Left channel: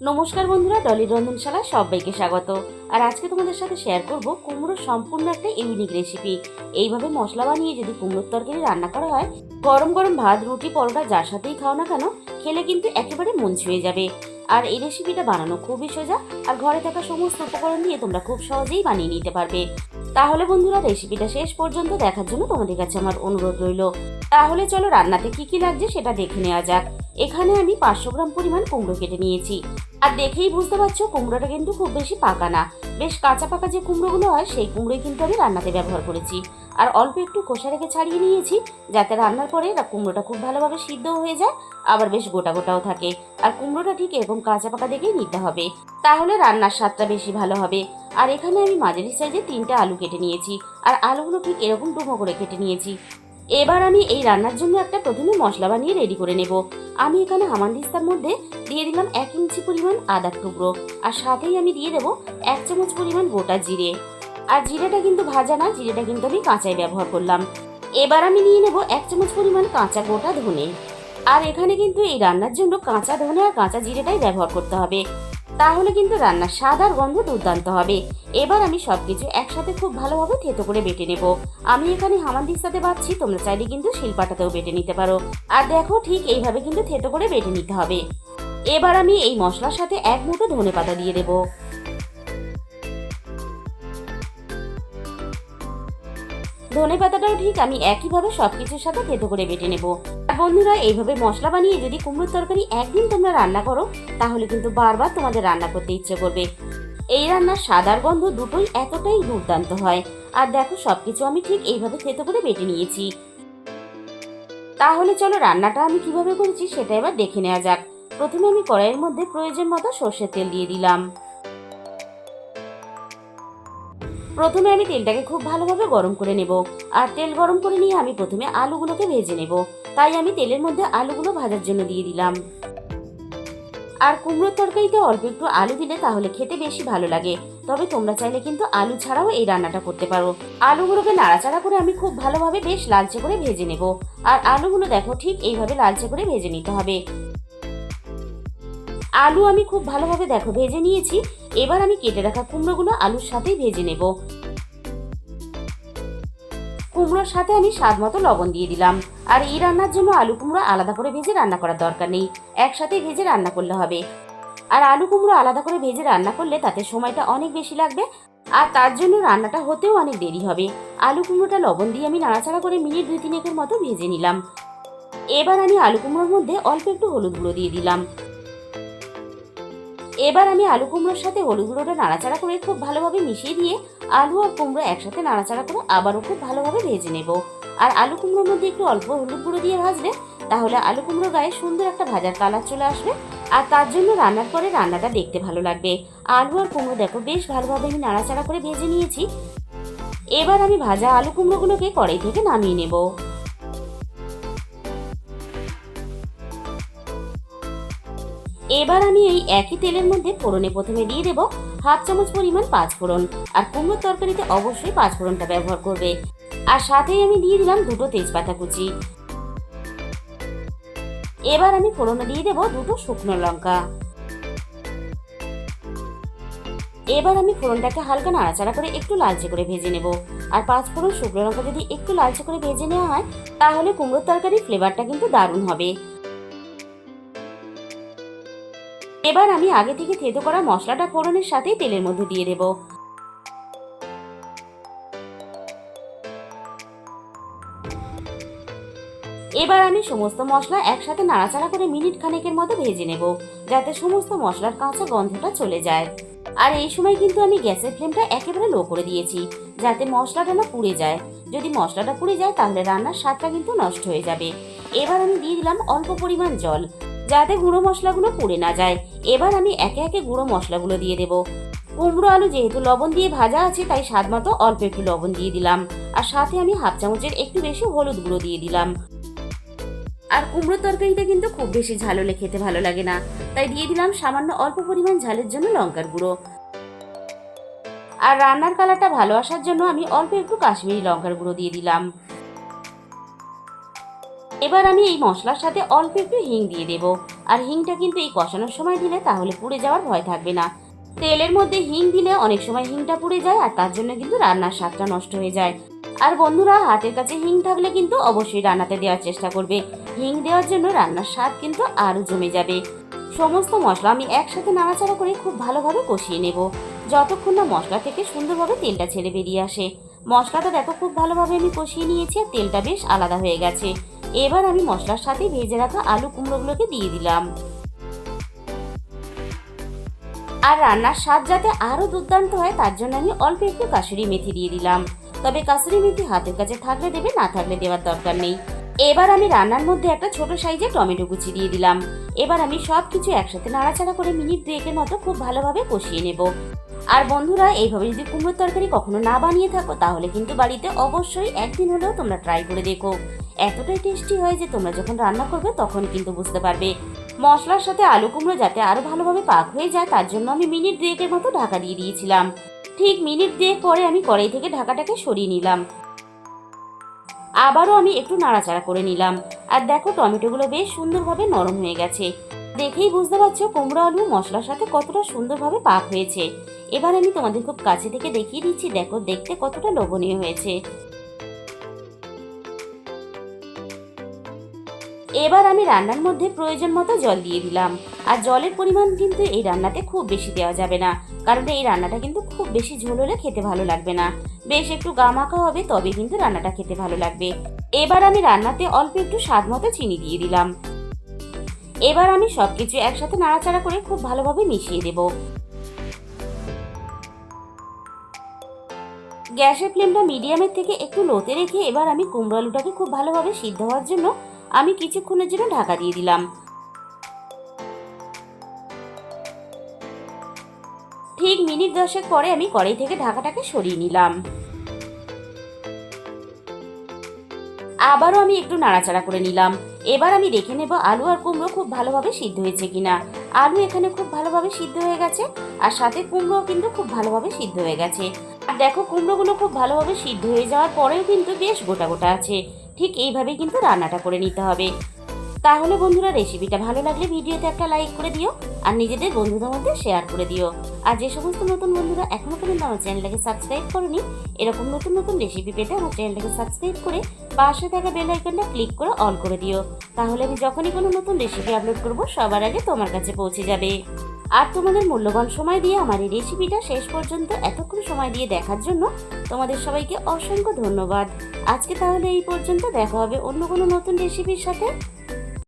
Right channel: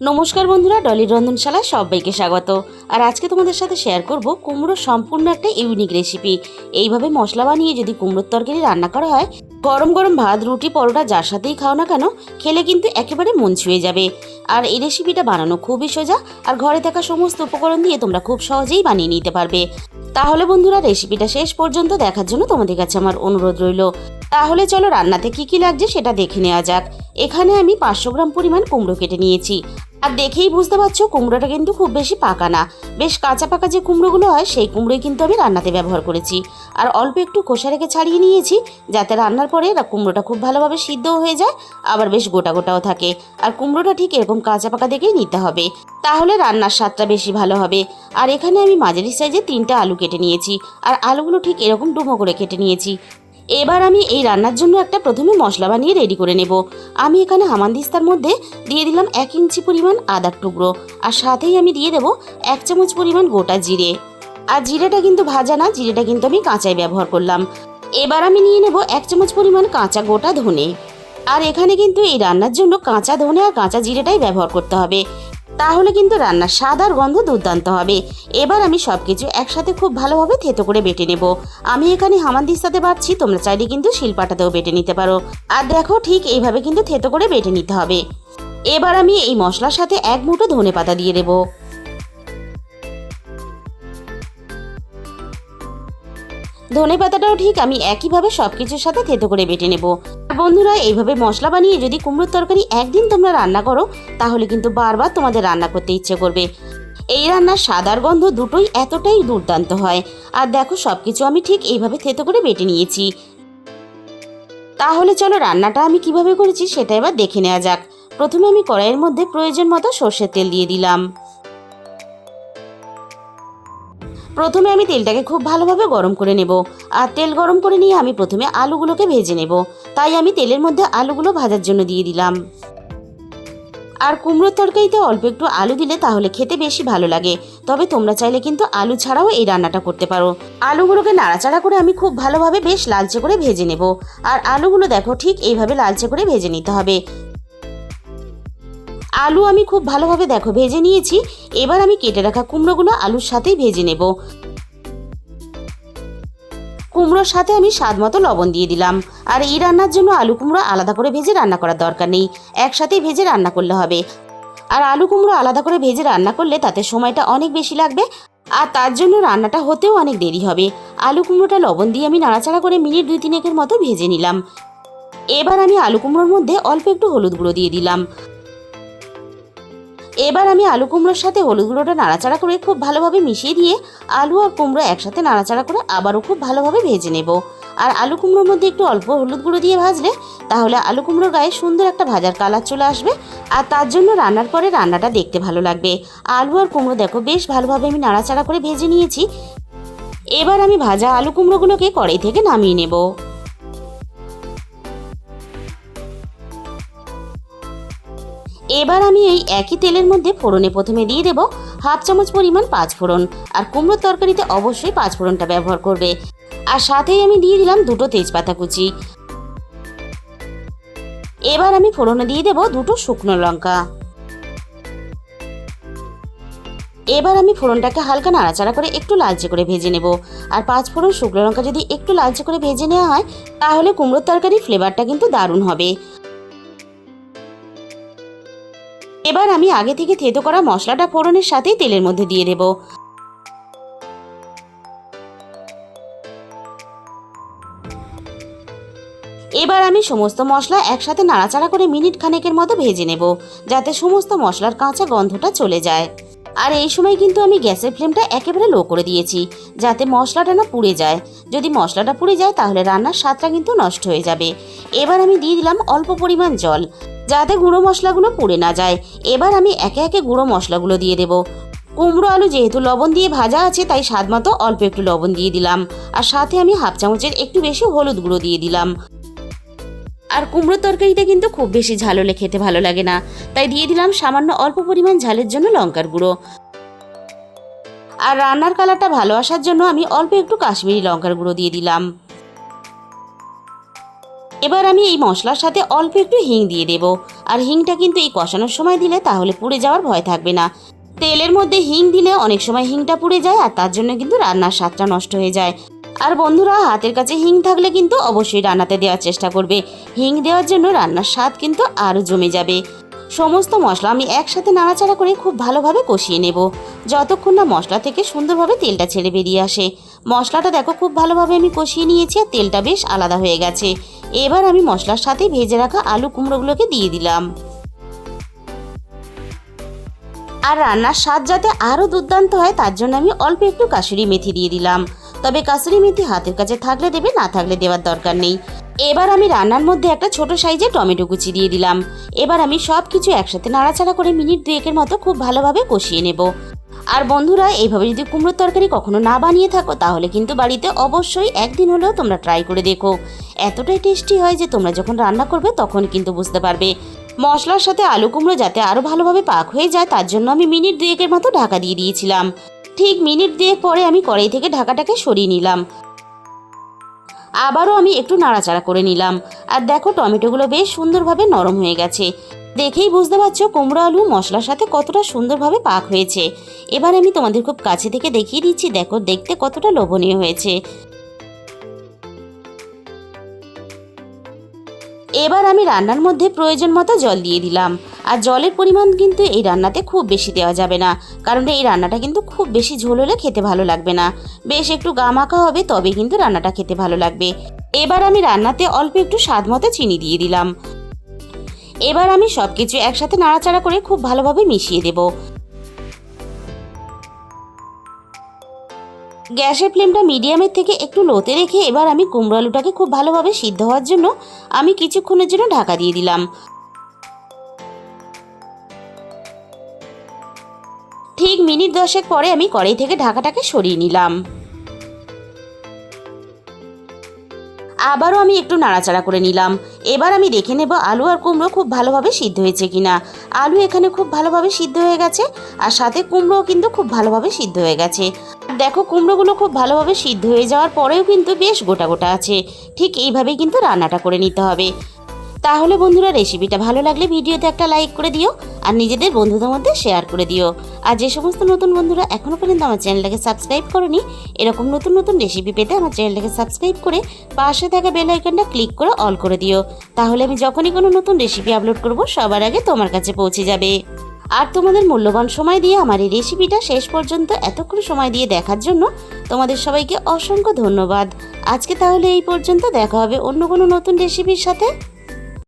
নমস্কার বন্ধুরা, ডলির রন্ধনশালায় সবাইকে স্বাগত। আর আজকে তোমাদের সাথে শেয়ার করব কুমড়োর সম্পূর্ণ একটা ইউনিক রেসিপি। এইভাবে মশলা বানিয়ে যদি কুমড়োর তরকারি রান্না করা হয়, গরম গরম ভাত, রুটি, পরোটা যার সাথেই খাও না কেন, খেলে কিন্তু একেবারে মন ছুঁয়ে যাবে। আর এই রেসিপিটা বানানো খুবই সোজা, আর ঘরে থাকা সমস্ত উপকরণ দিয়ে তোমরা খুব সহজেই বানিয়ে নিতে পারবে। তাহলে বন্ধুরা, রেসিপিটা শেষ পর্যন্ত দেখার জন্য তোমাদের কাছে আমার অনুরোধ রইল। তাহলে চলো রান্নাতে কি কি লাগছে সেটা দেখে নেওয়া যাক। এখানে আমি 500 গ্রাম পরিমাণ কুমড়ো কেটে নিয়েছি। আর দেখেই বুঝতে পারছো কুমড়োটা কিন্তু খুব বেশি পাকা না, বেশ কাঁচা পাকা যে কুমড়োগুলো হয় সেই কুমড়োই কিন্তু আমি রান্নাতে ব্যবহার করেছি। আর অল্প একটু খোসা রেখে ছাড়িয়ে নিয়েছি, যাতে রান্নার পরে কুমড়োটা খুব ভালোভাবে সিদ্ধও হয়ে যায়, আবার বেশ গোটা গোটাও থাকে। আর কুমড়োটা ঠিক এরকম কাঁচা পাকা দেখেই নিতে হবে, তাহলে রান্নার স্বাদটা বেশি ভালো হবে। আর এখানে আমি মাঝারি সাইজে 3টা আলু কেটে নিয়েছি, আর আলুগুলো ঠিক এরকম ডুমো করে কেটে নিয়েছি। এবার আমি এই রান্নার জন্য একটা প্রথমে মশলা বানিয়ে রেডি করে নেব। আমি এখানে হামানদিস্তার মধ্যে দিয়ে দিলাম 1 ইঞ্চি পরিমাণ আদার টুকরো, আর সাথেই আমি দিয়ে দেব 1 চামচ পরিমাণ গোটা জিরে। আর জিরেটা কিন্তু ভাজা না, জিরেটা কিন্তু আমি কাঁচাই ব্যবহার করলাম। এবার আমি নিয়ে নেব 1 চামচ পরিমাণ কাঁচা গোটা ধনে। আর এখানে কিন্তু এই রান্নার জন্য কাঁচা ধনে আর কাঁচা জিরেটাই ব্যবহার করতে হবে, তাহলে কিন্তু রান্নার স্বাদ আর গন্ধ দুর্দান্ত হবে। এবার আমি সবকিছু একসাথে খুব ভালোভাবে থেতো করে বেটে নেব। আমি এখানে হামানদিস্তাতে বাটছি, তোমরা চাইলে কিন্তু শিলপাটাতেও বেটে নিতে পারো। আর দেখো, ঠিক এইভাবে কিন্তু থেতো করে বেটে নিতে হবে। এবার আমি এই মশলার সাথে 1 মুঠো ধনেপাতা দিয়ে দেব। ধনেপাতাটাও ঠিক আমি একইভাবে সবকিছুর সাথে থেতো করে বেটে নেব। আর বন্ধুরা, এইভাবে মশলা বানিয়ে যদি কুমড়োর তরকারি একদিন তোমরা রান্না করো, তাহলে কিন্তু বারবার তোমাদের রান্না করতে ইচ্ছে করবে। এই রান্নার স্বাদ আর গন্ধ দুটোই এতটাই দুর্দান্ত হয়। আর দেখো, সবকিছু আমি ঠিক এইভাবে থেতো করে বেটে নিয়েছি। তাহলে চলো রান্নাটা আমি কিভাবে করেছি সেটা এবার দেখে নেওয়া যাক। প্রথমে আমি কড়াইয়ের মধ্যে প্রয়োজন মতো সর্ষের তেল দিয়ে দিলাম। প্রথমে আমি তেলটাকে খুব ভালোভাবে গরম করে নেব। আর তেল গরম করে নিয়ে আমি প্রথমে আলুগুলোকে ভেজে নেব, তাই আমি তেলের মধ্যে আলুগুলো ভাজার জন্য দিয়ে দিলাম। আর কুমড়োর তরকারিতে অল্প একটু আলু দিলে তাহলে খেতে বেশি ভালো লাগে, তবে তোমরা চাইলে কিন্তু আলু ছাড়াও এই রান্নাটা করতে পারো। আলুগুলোকে নাড়াচাড়া করে আমি খুব ভালোভাবে বেশ লালচে করে ভেজে নেব। আর আলুগুলো দেখো ঠিক এইভাবে লালচে করে ভেজে নিতে হবে। আলু আমি খুব ভালোভাবে দেখো ভেজে নিয়েছি। এবার আমি কেটে রাখা কুমড়োগুলো আলুর সাথেই ভেজে নেব। কুমড়োর সাথে আমি স্বাদ মতো লবণ দিয়ে দিলাম। আর এই রান্নার জন্য আলু কুমড়ো আলাদা করে ভেজে রান্না করার দরকার নেই, একসাথেই ভেজে রান্না করলে হবে। আর আলু কুমড়ো আলাদা করে ভেজে রান্না করলে তাতে সময়টা অনেক বেশি লাগবে, আর তার জন্য রান্নাটা হতেও অনেক দেরি হবে। আলু কুমড়োটা লবণ দিয়ে আমি নাড়াচাড়া করে মিনিট 2-3 মতো ভেজে নিলাম। এবার আমি আলু কুমড়োর মধ্যে অল্প একটু হলুদ গুঁড়ো দিয়ে দিলাম। এবার আমি আলু কুমড়োর সাথে হলুদ গুঁড়োটা নাড়াচাড়া করে খুব ভালোভাবে মিশিয়ে দিয়ে আলু আর কুমড়ো একসাথে নাড়াচাড়া করে আবারও খুব ভালোভাবে ভেজে নেব। আর আলু কুমড়োর মধ্যে একটু অল্প হলুদ গুঁড়ো দিয়ে ভাজলে তাহলে আলু কুমড়োর গায়ে সুন্দর একটা ভাজার কালার চলে আসবে, আর তার জন্য রান্নার পরে রান্নাটা দেখতে ভালো লাগবে। আলু আর কুমড়ো দেখো বেশ ভালোভাবে আমি নাড়াচাড়া করে ভেজে নিয়েছি। এবার আমি ভাজা আলু কুমড়োগুলোকে কড়াই থেকে নামিয়ে নেব। এবার আমি এই একই তেলের মধ্যে ফোড়নে প্রথমে দিয়ে দেব 1/2 চামচ পরিমাণ 5 ফোড়ন। আর কুমড়োর তরকারিতে অবশ্যই 5 ফোড়নটা ব্যবহার করবে। আর সাথেই আমি দিয়ে দিলাম 2টো তেজপাতা কুচি। এবার আমি ফোড়নে দিয়ে দেব 2টো শুকনো লঙ্কা। এবার আমি ফোড়নটাকে হালকা নাড়াচাড়া করে একটু লালচে করে ভেজে নেব। আর 5 ফোড়ন শুকনো লঙ্কা যদি একটু লালচে করে ভেজে নেওয়া হয়, তাহলে কুমড়োর তরকারির ফ্লেভারটা কিন্তু দারুণ হবে। এবার আমি আগে থেকে থেতো করা মশলাটা ফোড়নের সাথেই তেলের মধ্যে দিয়ে দেব। এবার আমি সমস্ত মশলা একসাথে নাড়াচাড়া করে মিনিট খানেকের মতো ভেজে নেব, যাতে সমস্ত মশলার কাঁচা গন্ধটা চলে যায়। আর এই সময় কিন্তু আমি গ্যাসের ফ্লেমটা একেবারে লো করে দিয়েছি, যাতে মশলাটা না পুড়ে যায়। যদি মশলাটা পুড়ে যায় তাহলে রান্নার স্বাদটা কিন্তু নষ্ট হয়ে যাবে। এবার আমি দিয়ে দিলাম অল্প পরিমাণ জল, যাতে গুঁড়ো মশলাগুলো পুড়ে না যায়। এবার আমি একে একে গুঁড়ো মশলাগুলো দিয়ে দেব। কুমড়ো আলু যেহেতু লবণ দিয়ে ভাজা আছে, তাই স্বাদ মতো অল্প একটু লবণ দিয়ে দিলাম। আর সাথে আমি 1/2 চামচের একটু বেশি হলুদ গুঁড়ো দিয়ে দিলাম। আর কুমড়োর তরকারিটা কিন্তু খুব বেশি ঝাল হলে খেতে ভালো লাগে না, তাই দিয়ে দিলাম সামান্য অল্প পরিমাণ ঝালের জন্য লঙ্কার গুঁড়ো। আর রান্নার কালারটা ভালো আসার জন্য আমি অল্প একটু কাশ্মীরি লঙ্কার গুঁড়ো দিয়ে দিলাম। এবার আমি এই মশলার সাথে অল্প একটু হিং দিয়ে দেব। আর হিংটা কিন্তু এই কষানোর সময় দিলে তাহলে পুড়ে যাওয়ার ভয় থাকবে না। তেলের মধ্যে হিং দিলে অনেক সময় হিংটা পুড়ে যায় আর তার জন্য কিন্তু রান্নার স্বাদটা নষ্ট হয়ে যায়। আর বন্ধুরা, হাতের কাছে হিং থাকলে কিন্তু অবশ্যই রান্নাতে দেওয়ার চেষ্টা করবে। হিং দেওয়ার জন্য রান্নার স্বাদ কিন্তু আরও জমে যাবে। সমস্ত মশলা আমি একসাথে নাড়াচাড়া করে খুব ভালোভাবে কষিয়ে নেব, যতক্ষণ না মশলা থেকে সুন্দরভাবে তেলটা ছেড়ে বেরিয়ে আসে। মশলাটা দেখো খুব ভালোভাবে আমি কষিয়ে নিয়েছি আর তেলটা বেশ আলাদা হয়ে গেছে। এবার আমি মশলার সাথে ভেজে রাখা আলু কুমড়োগুলোকে দিয়ে দিলাম। আর রান্নার স্বাদ যাতে আরও দুর্দান্ত হয় তার জন্য আমি অল্প একটু কাসুরি মেথি দিয়ে দিলাম। তবে কাসুরি মেথি হাতের কাছে থাকলে দেবে, না থাকলে দেওয়ার দরকার নেই। এবার আমি রান্নার মধ্যে একটা ছোট সাইজে টমেটো কুচি দিয়ে দিলাম। এবার আমি সব কিছু একসাথে নাড়াচাড়া করে মিনিট 2-এর মতো খুব ভালোভাবে কষিয়ে নেব। আর বন্ধুরা, এইভাবে যদি কুমড়োর তরকারি কখনো না বানিয়ে থাকো তাহলে কিন্তু বাড়িতে অবশ্যই একদিন হলেও তোমরা ট্রাই করে দেখো। এতটাই টেস্টি হয় যে তোমরা যখন রান্না করবে তখন কিন্তু বুঝতে পারবে। মশলার সাথে আলু কুমড়ো যাতে আরও ভালোভাবে পাক হয়ে যায় তার জন্য আমি মিনিট 2-এর মতো ঢাকা দিয়ে দিয়েছিলাম। ঠিক মিনিট 2 পরে আমি কড়াই থেকে ঢাকাটাকে সরিয়ে নিলাম। আবারও আমি একটু নাড়াচাড়া করে নিলাম। আর দেখো টমেটোগুলো বেশ সুন্দরভাবে নরম হয়ে গেছে। দেখেই বুঝতে পারছো কুমড়ো আলু মশলার সাথে কতটা সুন্দরভাবে পাক হয়েছে। এবার আমি তোমাদের খুব কাছে থেকে দেখিয়ে দিচ্ছি, দেখো দেখতে কতটা লোভনীয় হয়েছে। এবার আমি রান্নার মধ্যে প্রয়োজন মতো জল দিয়ে দিলাম। আর জলের পরিমাণ কিন্তু এই রান্নাতে খুব বেশি দেওয়া যাবে না, কারণ এই রান্নাটা কিন্তু খুব বেশি ঝোল হলে খেতে ভালো লাগবে না। বেশ একটু গামাখা হবে, তবে কিন্তু রান্নাটা খেতে ভালো লাগবে। এবার আমি রান্নাতে অল্প একটু স্বাদ মতো চিনি দিয়ে দিলাম। এবার আমি সবকিছু একসাথে নাড়াচাড়া করে খুব ভালোভাবে মিশিয়ে দেব। গ্যাসের ফ্লেমটা মিডিয়ামের থেকে একটু লোতে রেখে এবার আমি কুমড়ো আলুটাকে খুব ভালোভাবে সিদ্ধ হওয়ার জন্য আমি কিছুক্ষণের জন্য ঢাকা দিয়ে দিলাম। ঠিক মিনিট 10 পরে আমি কড়াই থেকে ঢাকাটাকে সরিয়ে নিলাম। আবারও আমি একটু নাড়াচাড়া করে নিলাম। এবার আমি দেখে নেব আলু আর কুমড়ো খুব ভালোভাবে সিদ্ধ হয়েছে কিনা। আলু এখানে খুব ভালোভাবে সিদ্ধ হয়ে গেছে আর সাথে কুমড়োও কিন্তু খুব ভালোভাবে সিদ্ধ হয়ে গেছে। আর দেখো কুমড়োগুলো খুব ভালোভাবে সিদ্ধ হয়ে যাওয়ার পরেও কিন্তু বেশ গোটা গোটা আছে। ঠিক এইভাবেই কিন্তু রান্নাটা করে নিতে হবে। তাহলে বন্ধুরা, রেসিপিটা ভালো লাগলে ভিডিওতে একটা লাইক করে দিও আর নিজেদের বন্ধুদের মধ্যে শেয়ার করে দিও। আর যে সমস্ত নতুন বন্ধুরা এখনও পর্যন্ত আমার চ্যানেলটাকে সাবস্ক্রাইব করনি, এরকম নতুন নতুন রেসিপি পেতে আমার চ্যানেলটাকে সাবস্ক্রাইব করে পাশে থাকা বেল আইকনটা ক্লিক করে অল করে দিও। তাহলে আমি যখনই কোনো নতুন রেসিপি আপলোড করব সবার আগে তোমার কাছে পৌঁছে যাবে। আর তোমাদের মূল্যবান সময় দিয়ে আমার এই রেসিপিটা শেষ পর্যন্ত এতক্ষণ সময় দিয়ে দেখার জন্য তোমাদের সবাইকে অসংখ্য ধন্যবাদ। আজকে তাহলে এই পর্যন্ত, দেখা হবে অন্য কোনো নতুন রেসিপির সাথে।